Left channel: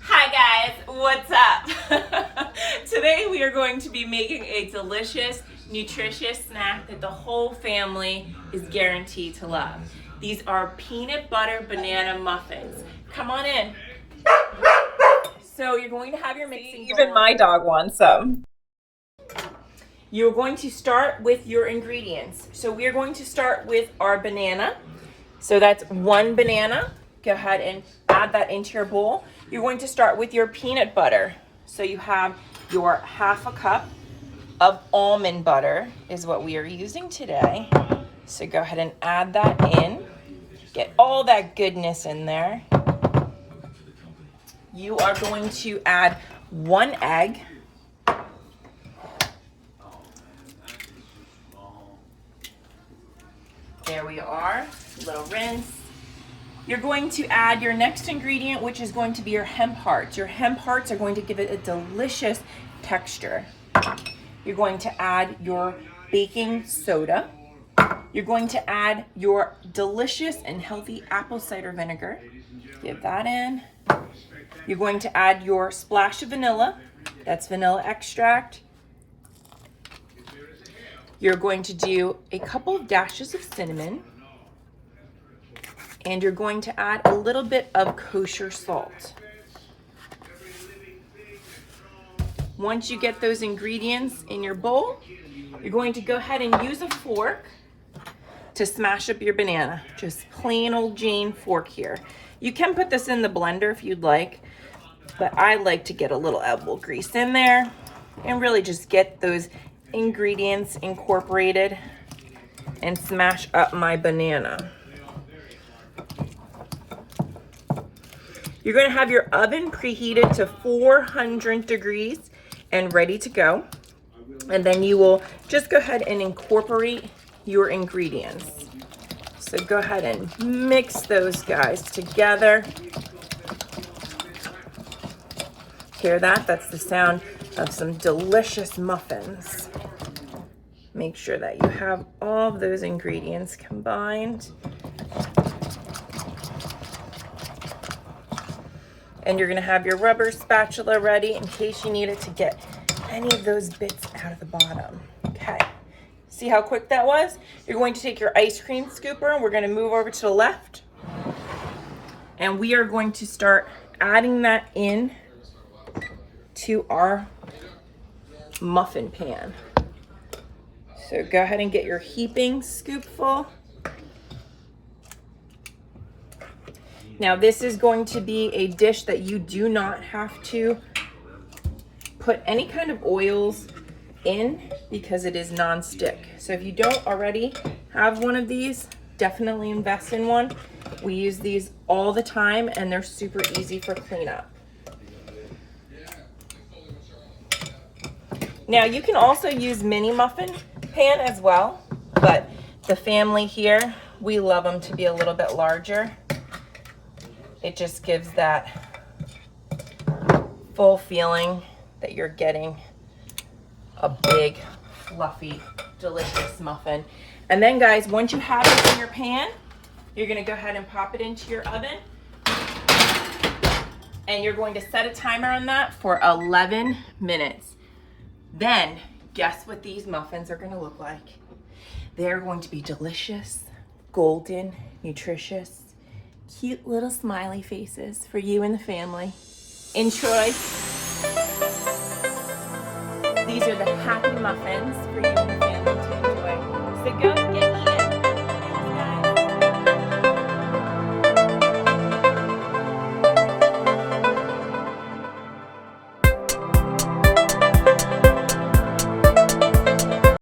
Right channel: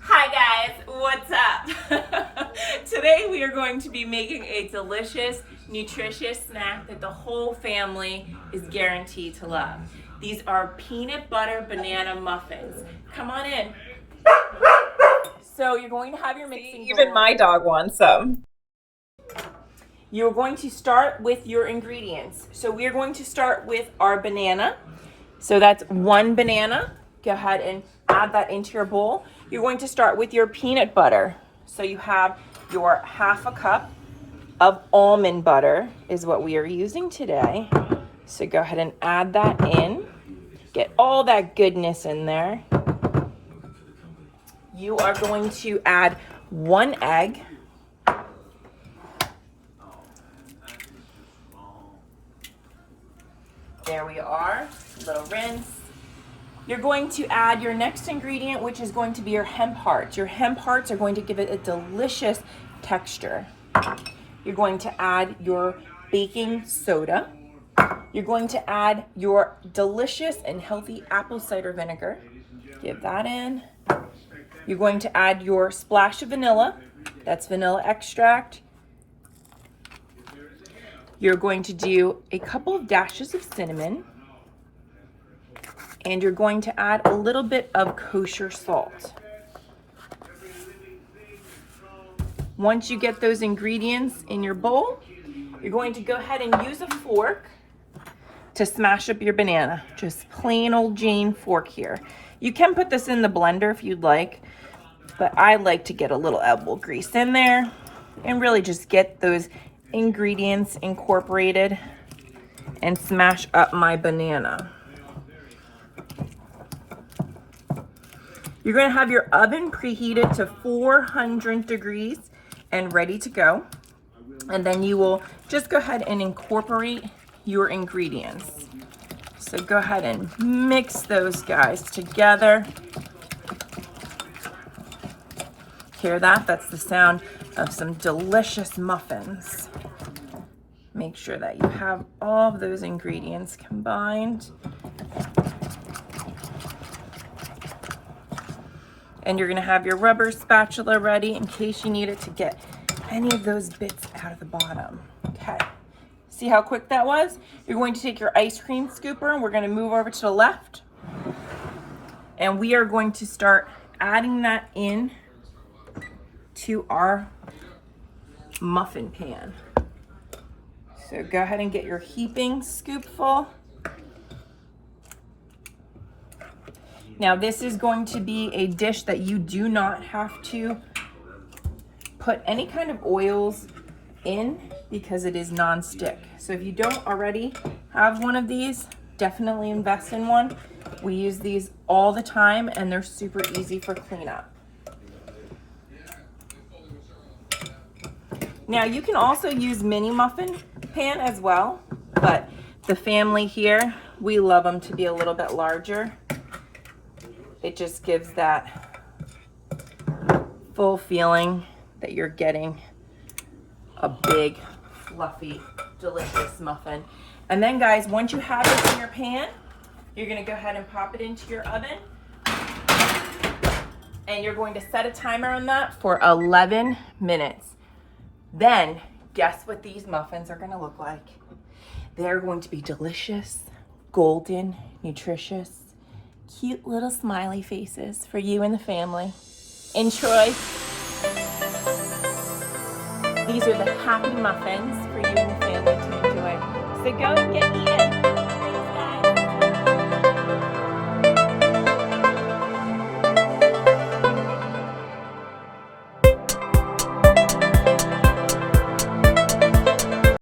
Hi guys, what's up? Today we are going to be making a delicious, nutritious snack that the whole family is guaranteed to love. These are peanut butter banana muffins. Come on in. So you're going to have your mixing bowl. Even my dog wants some. You're going to start with your ingredients. So we are going to start with our banana. So that's one banana. Go ahead and add that into your bowl. You're going to start with your peanut butter. So you have your half a cup of almond butter is what we are using today. So go ahead and add that in. Get all that goodness in there. You are going to add one egg. There we are, a little rinse. You're going to add your next ingredient, which is going to be your hemp hearts. Your hemp hearts are going to give it a delicious texture. You're going to add your baking soda. You're going to add your delicious and healthy apple cider vinegar. Give that in. You're going to add your splash of vanilla. That's vanilla extract. You're going to do a couple of dashes of cinnamon. And you're going to add a little bit of kosher salt. Once you get those ingredients in your bowl, you're going to go ahead and use a fork to smash up your banana. Just plain old Jane fork here. You can put this in the blender if you'd like, but I like to get a little elbow grease in there and really just get those ingredients incorporated and smash up my banana. You're going to have your oven preheated to 400 degrees and ready to go. And then you will just go ahead and incorporate your ingredients. So go ahead and mix those guys together. Hear that? That's the sound of some delicious muffins. Make sure that you have all of those ingredients combined. And you're gonna have your rubber spatula ready in case you need it to get any of those bits out of the bottom. Okay, see how quick that was? You're going to take your ice cream scooper and we're gonna move over to the left. And we are going to start adding that in to our muffin pan. So go ahead and get your heaping scoopful. Now this is going to be a dish that you do not have to put any kind of oils in because it is non-stick. So if you don't already have one of these, definitely invest in one. We use these all the time and they're super easy for cleanup. Now you can also use mini muffin pan as well, but the family here, we love them to be a little bit larger. It just gives that full feeling that you're getting a big, fluffy, delicious muffin. And then guys, once you have it in your pan, you're gonna go ahead and pop it into your oven. And you're going to set a timer on that for 11 minutes. Then, guess what these muffins are gonna look like? They're going to be delicious, golden, nutritious, cute little smiley faces for you and the family. Enjoy. These are the happy muffins for you and the family.